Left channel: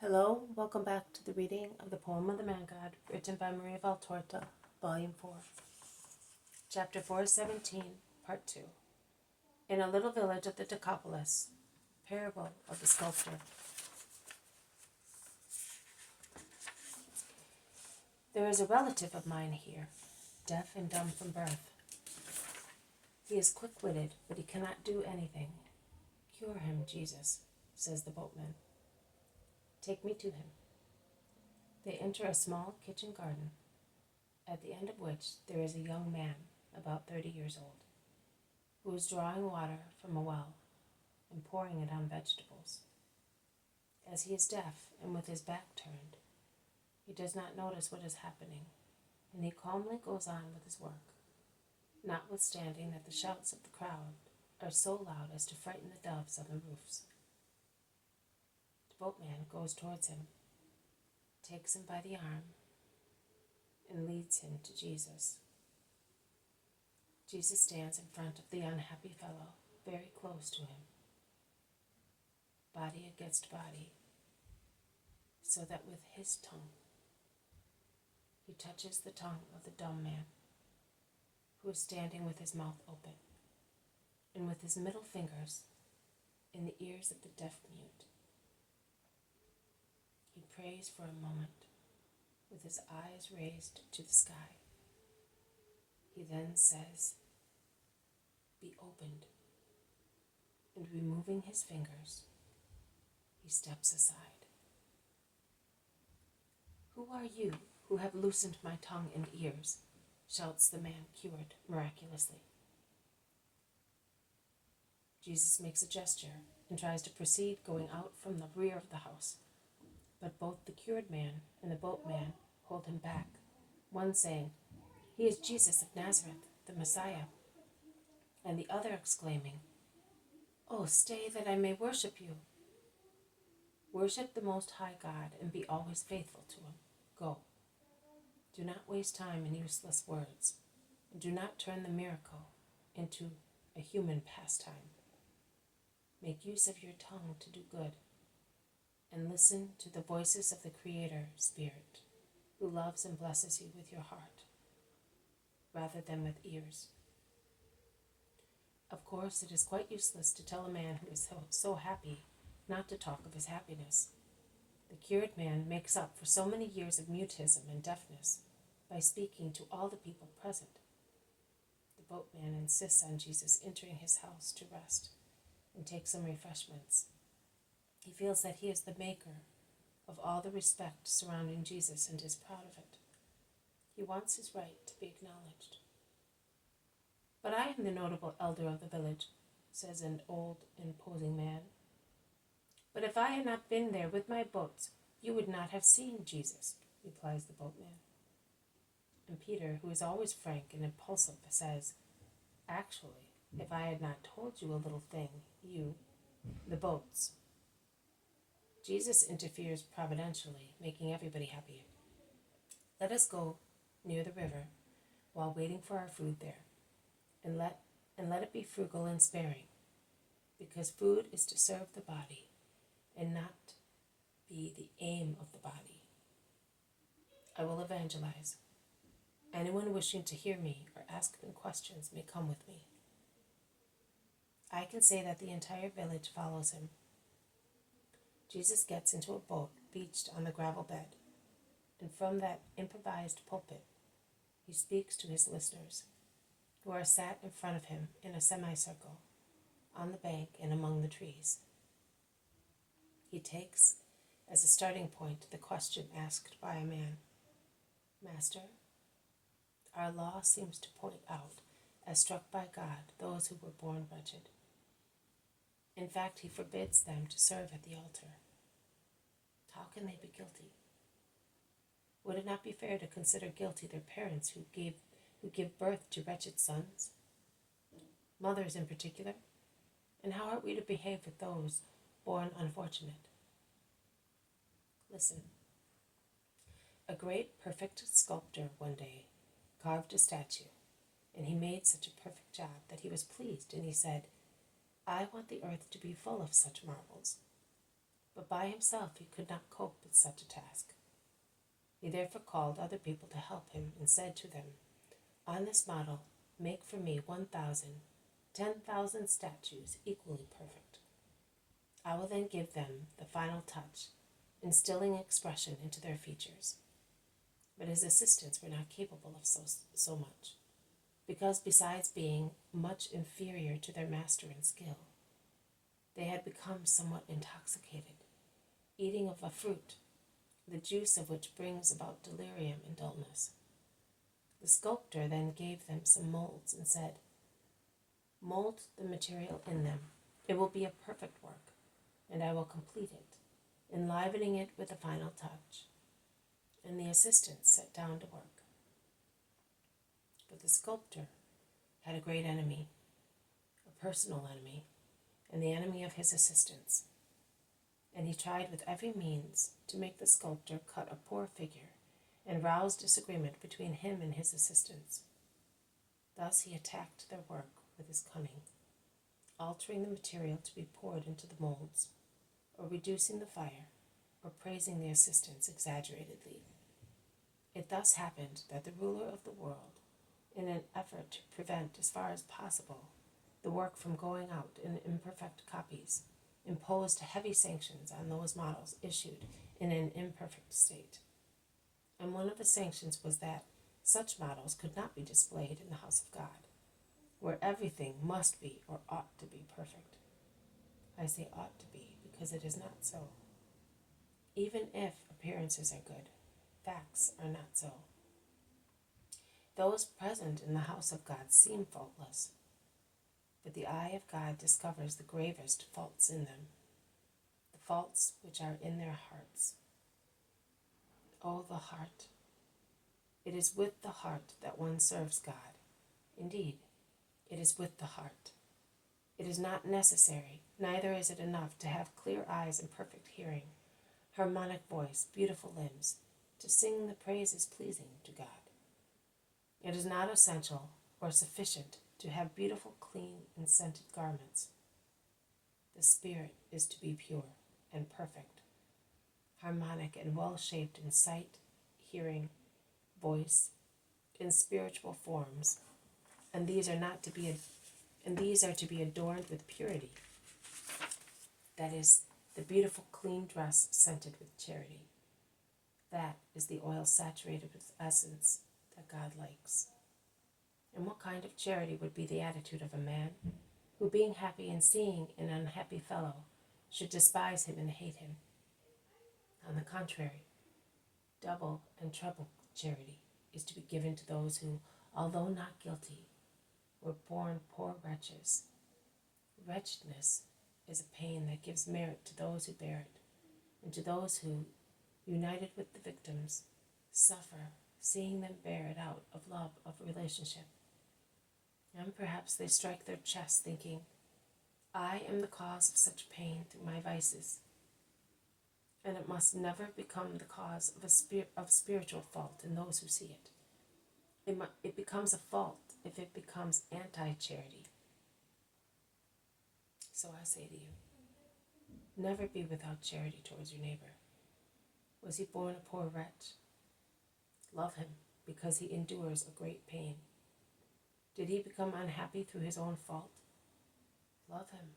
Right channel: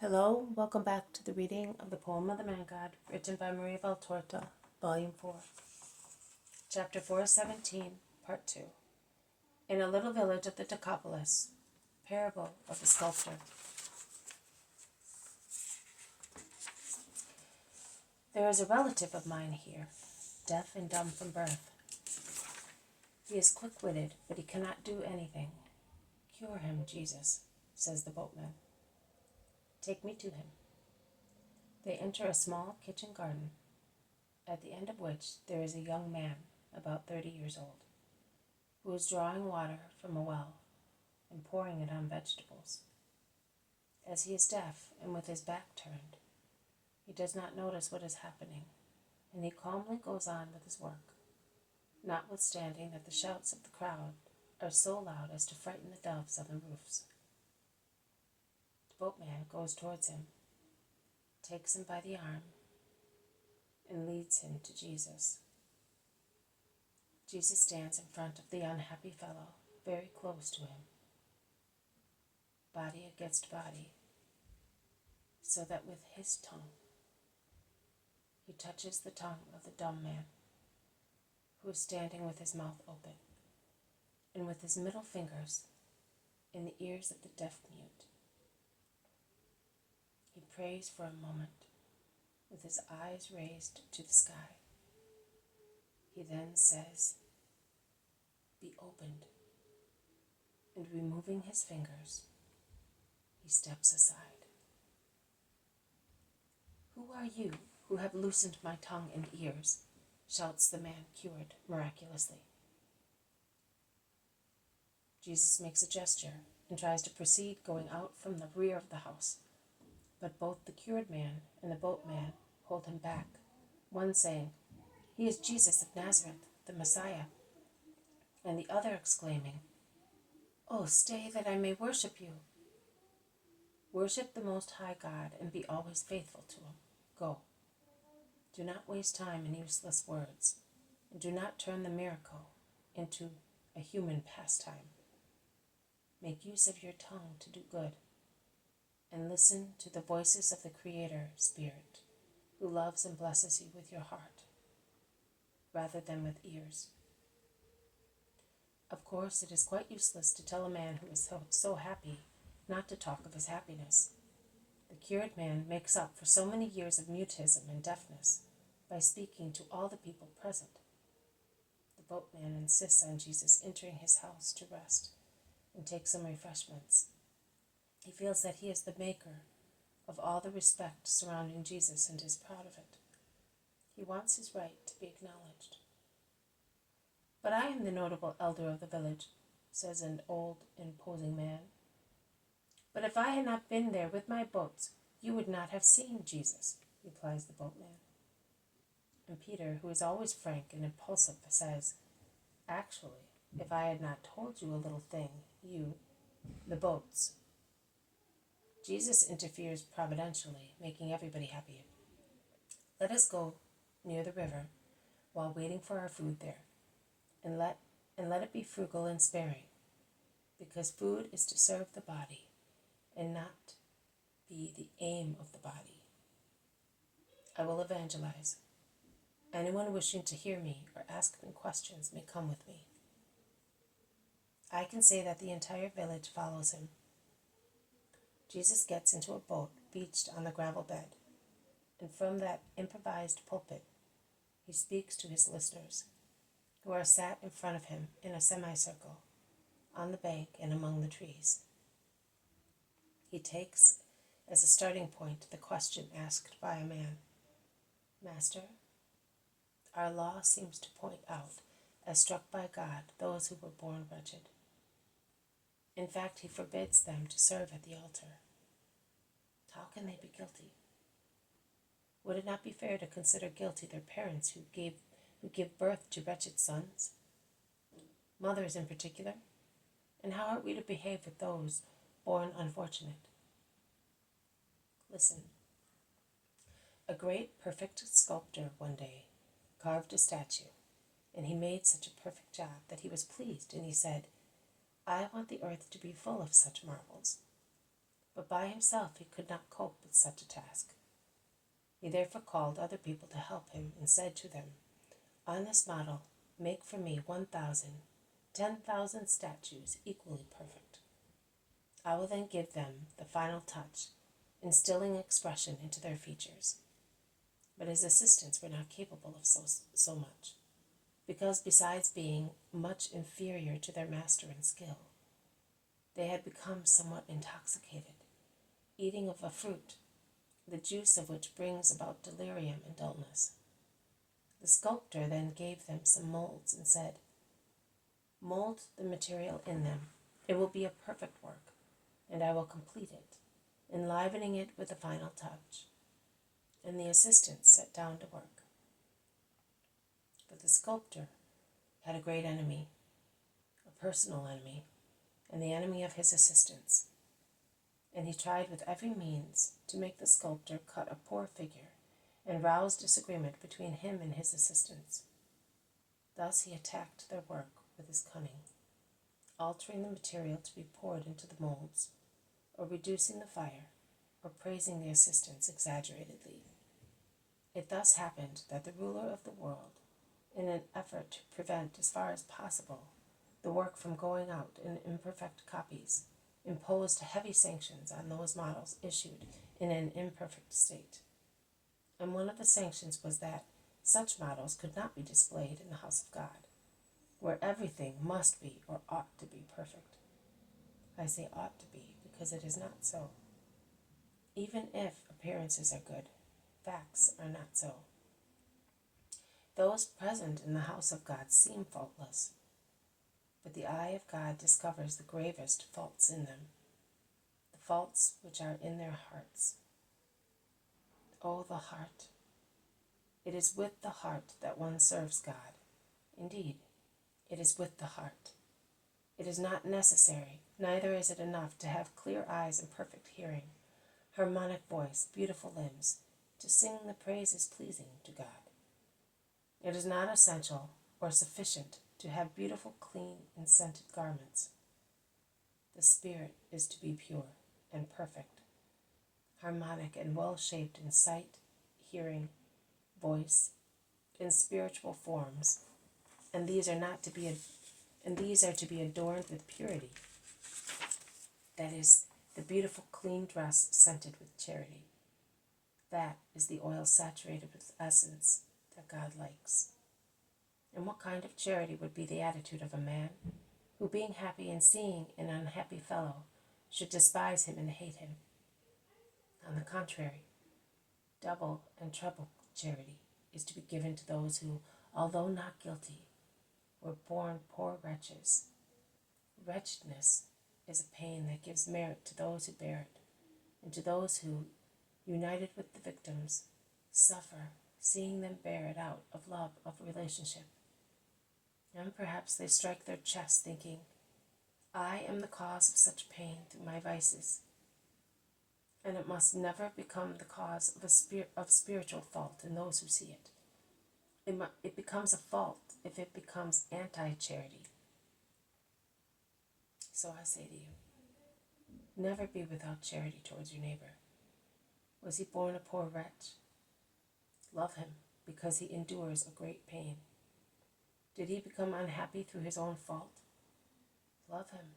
Hello, welcome back to the reading of the poem of the Man God, written by Maria Valtorta, Volume 4, Chapter 417, Part 2. In a little village of the Decapolis, Parable of the Sculptor. There is a relative of mine here, deaf and dumb from birth. He is quick-witted, but he cannot do anything. Cure him, Jesus, says the boatman. Take me to him. They enter a small kitchen garden, at the end of which there is a young man, about 30 years old, who is drawing water from a well and pouring it on vegetables. As he is deaf and with his back turned, he does not notice what is happening, and he calmly goes on with his work, notwithstanding that the shouts of the crowd are so loud as to frighten the doves on the roofs. The boatman goes towards him, takes him by the arm, and leads him to Jesus. Jesus stands in front of the unhappy fellow, very close to him, body against body, so that with his tongue he touches the tongue of the dumb man, who is standing with his mouth open, and with his middle fingers in the ears of the deaf mute. He prays for a moment, with his eyes raised to the sky. He then says, "Be opened," and removing his fingers, he steps aside. "Who are you who have loosened my tongue and ears?" shouts the man cured miraculously. Jesus makes a gesture and tries to proceed, going out from the rear of the house. But both the cured man and the boatman hold him back, one saying, "He is Jesus of Nazareth, the Messiah," and the other exclaiming, "Oh, stay that I may worship you." "Worship the Most High God and be always faithful to him. Go. Do not waste time in useless words, and do not turn the miracle into a human pastime. Make use of your tongue to do good, and listen to the voices of the Creator Spirit, who loves and blesses you with your heart, rather than with ears." Of course, it is quite useless to tell a man who is so happy not to talk of his happiness. The cured man makes up for so many years of mutism and deafness by speaking to all the people present. The boatman insists on Jesus entering his house to rest and take some refreshments. He feels that he is the maker of all the respect surrounding Jesus and is proud of it. He wants his right to be acknowledged. "But I am the notable elder of the village," says an old, imposing man. "But if I had not been there with my boats, you would not have seen Jesus," replies the boatman. And Peter, who is always frank and impulsive, says, "Actually, if I had not told you a little thing, the boats." Jesus interferes providentially, making everybody happy. "Let us go near the river while waiting for our food there, and let it be frugal and sparing, because food is to serve the body and not be the aim of the body. I will evangelize. Anyone wishing to hear me or ask me questions may come with me." I can say that the entire village follows him. Jesus gets into a boat beached on the gravel bed, and from that improvised pulpit he speaks to his listeners, who are sat in front of him in a semicircle, on the bank and among the trees. He takes as a starting point the question asked by a man, "Master, our law seems to point out, as struck by God, those who were born wretched. In fact, he forbids them to serve at the altar. How can they be guilty? Would it not be fair to consider guilty their parents who give birth to wretched sons, mothers in particular? And how are we to behave with those born unfortunate? Listen. A great, perfect sculptor one day carved a statue, and he made such a perfect job that he was pleased, and he said, 'I want the earth to be full of such marvels.' but by himself he could not cope with such a task. He therefore called other people to help him and said to them, "On this model, make for me 1,000, 10,000 statues equally perfect. I will then give them the final touch, instilling expression into their features." But his assistants were not capable of so much, because besides being much inferior to their master in skill, they had become somewhat intoxicated, eating of a fruit, the juice of which brings about delirium and dullness. The sculptor then gave them some molds and said, "Mold the material in them. It will be a perfect work, and I will complete it, enlivening it with the final touch." And the assistants sat down to work. But the sculptor had a great enemy, a personal enemy, and the enemy of his assistants. And he tried with every means to make the sculptor cut a poor figure and rouse disagreement between him and his assistants. Thus he attacked their work with his cunning, altering the material to be poured into the molds, or reducing the fire, or praising the assistants exaggeratedly. It thus happened that the ruler of the world, in an effort to prevent as far as possible the work from going out in imperfect copies, imposed heavy sanctions on those models issued in an imperfect state. And one of the sanctions was that such models could not be displayed in the house of God, where everything must be or ought to be perfect. I say ought to be because it is not so. Even if appearances are good, facts are not so. Those present in the house of God seem faultless, but the eye of God discovers the gravest faults in them, the faults which are in their hearts. Oh, the heart! It is with the heart that one serves God. Indeed, it is with the heart. It is not necessary, neither is it enough, to have clear eyes and perfect hearing, harmonic voice, beautiful limbs, to sing the praises pleasing to God. It is not essential or sufficient to have beautiful, clean, and scented garments. The spirit is to be pure and perfect, harmonic and well-shaped in sight, hearing, voice, in spiritual forms, and these are to be adorned with purity. That is, the beautiful, clean dress scented with charity. That is the oil saturated with essence that God likes. And what kind of charity would be the attitude of a man who, being happy in seeing an unhappy fellow, should despise him and hate him? On the contrary, double and treble charity is to be given to those who, although not guilty, were born poor wretches. Wretchedness is a pain that gives merit to those who bear it, and to those who, united with the victims, suffer, seeing them bear it out of love of relationship. And perhaps they strike their chests thinking, "I am the cause of such pain through my vices." And it must never become the cause of spiritual fault in those who see it. It becomes a fault if it becomes anti-charity. So I say to you, never be without charity towards your neighbor. Was he born a poor wretch? Love him because he endures a great pain. Did he become unhappy through his own fault? Love him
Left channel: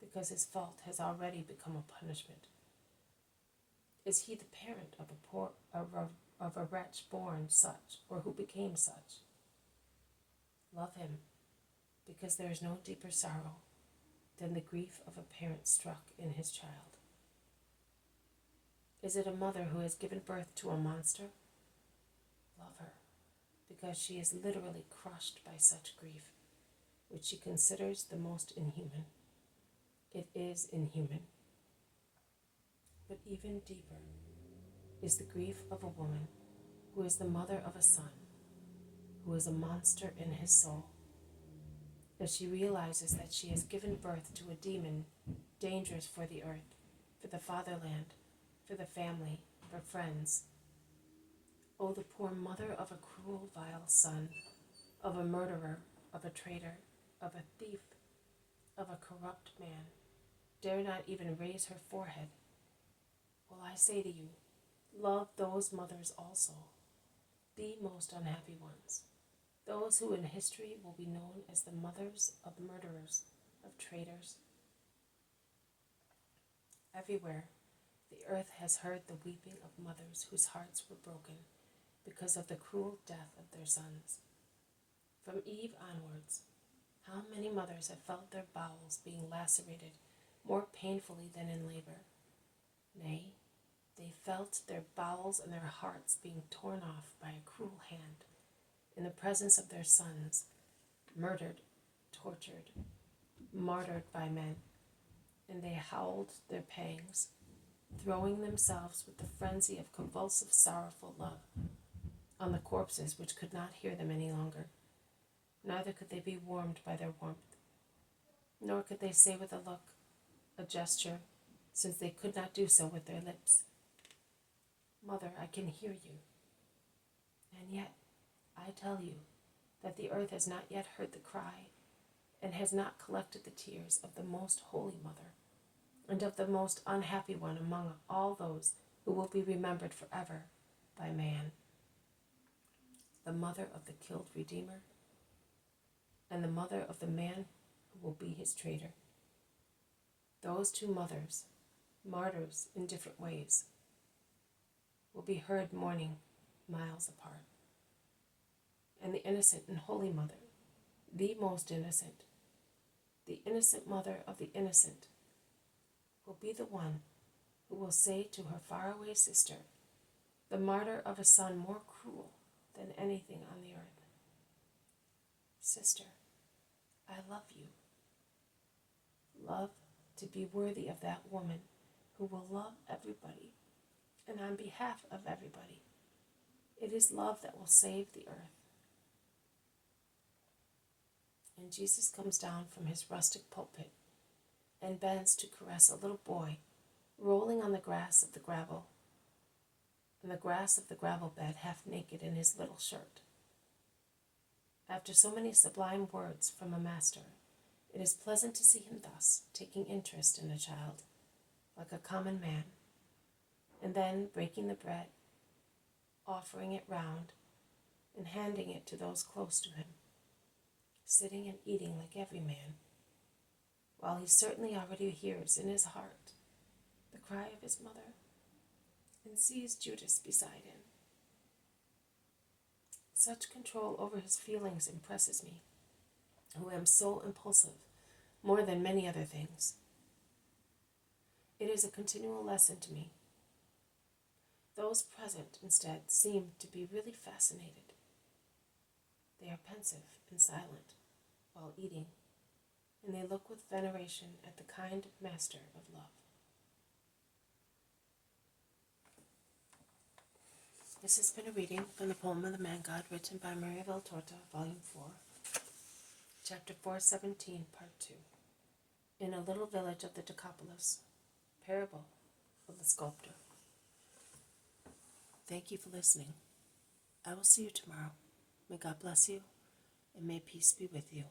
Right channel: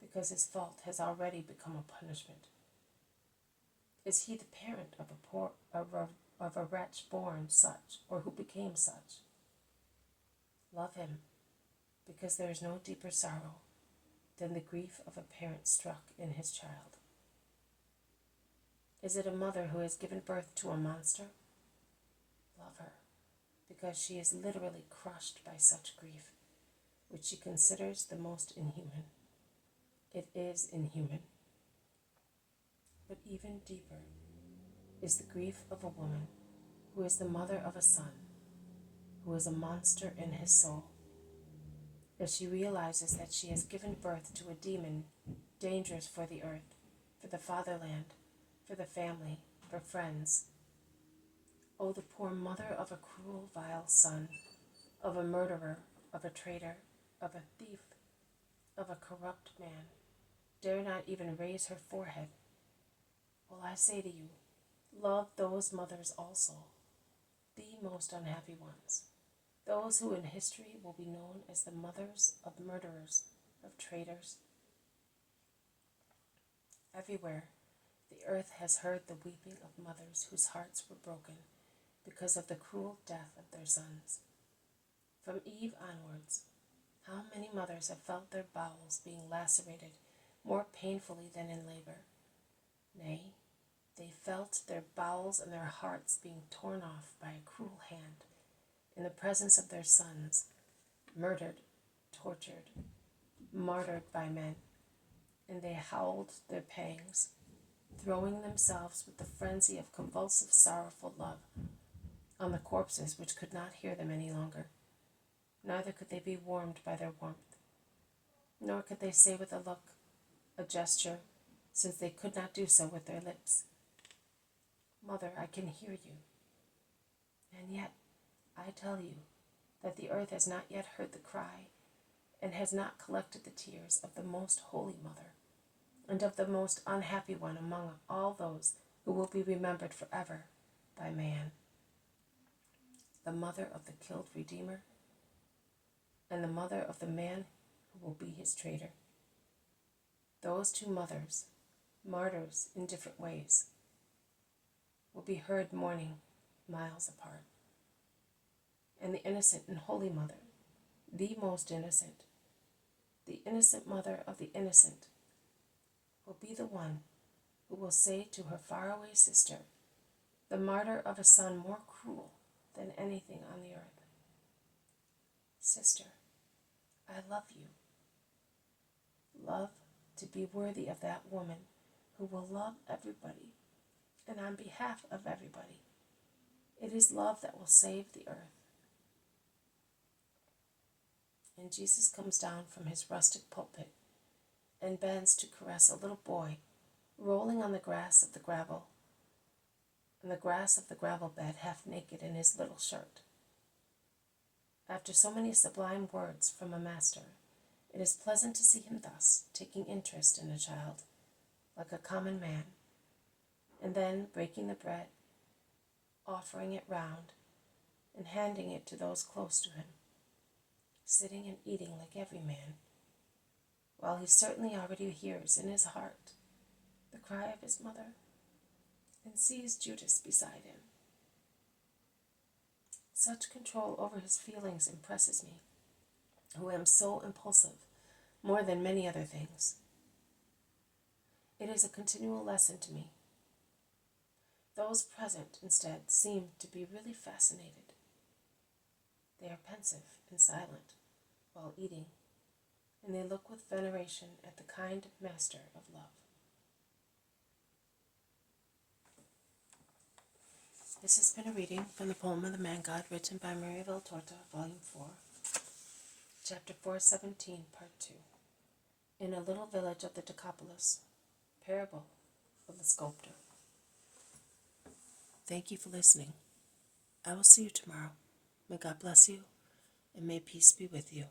because his fault has already become a punishment. Is he the parent of a wretch born such, or who became such? Love him because there is no deeper sorrow than the grief of a parent struck in his child. Is it a mother who has given birth to a monster? Love her because she is literally crushed by such grief, which she considers the most inhuman. It is inhuman. But even deeper is the grief of a woman who is the mother of a son, who is a monster in his soul, as she realizes that she has given birth to a demon dangerous for the earth, for the fatherland, for the family, for friends. Oh, the poor mother of a cruel, vile son, of a murderer, of a traitor, of a thief, of a corrupt man, dare not even raise her forehead, say to you, love those mothers also, the most unhappy ones, those who in history will be known as the mothers of murderers, of traitors. Everywhere, the earth has heard the weeping of mothers whose hearts were broken because of the cruel death of their sons. From Eve onwards, how many mothers have felt their bowels being lacerated more painfully than in labor? Nay, they felt their bowels and their hearts being torn off by a cruel hand in the presence of their sons, murdered, tortured, martyred by men, and they howled their pangs, throwing themselves with the frenzy of convulsive, sorrowful love on the corpses which could not hear them any longer. Neither could they be warmed by their warmth, nor could they say with a look, a gesture, since they could not do so with their lips, Mother, I can hear you. And yet, I tell you that the earth has not yet heard the cry, and has not collected the tears of the most holy mother, and of the most unhappy one among all those who will be remembered forever by man, the mother of the killed Redeemer, and the mother of the man who will be his traitor. Those two mothers, martyrs in different ways, will be heard mourning miles apart. And the innocent and holy mother, the most innocent, the innocent mother of the innocent, will be the one who will say to her faraway sister, the martyr of a son more cruel than anything on the earth, Sister, I love you. Love to be worthy of that woman who will love everybody and on behalf of everybody. It is love that will save the earth. And Jesus comes down from his rustic pulpit and bends to caress a little boy rolling on the grass of the gravel bed, half naked in his little shirt. After so many sublime words from a master, it is pleasant to see him thus, taking interest in a child, like a common man, and then breaking the bread, offering it round, and handing it to those close to him, sitting and eating like every man, while he certainly already hears in his heart the cry of his mother, and sees Judas beside him. Such control over his feelings impresses me, who am so impulsive, more than many other things. It is a continual lesson to me. Those present, instead, seem to be really fascinated. They are pensive and silent while eating, and they look with veneration at the kind master of love. This has been a reading from the poem of the Man God, written by Maria Valtorta, Volume 4, Chapter 417, Part 2. In a little village of the Decapolis, Parable of the Sculptor. Thank you for listening. I will see you tomorrow. May God bless you, and may peace be with you.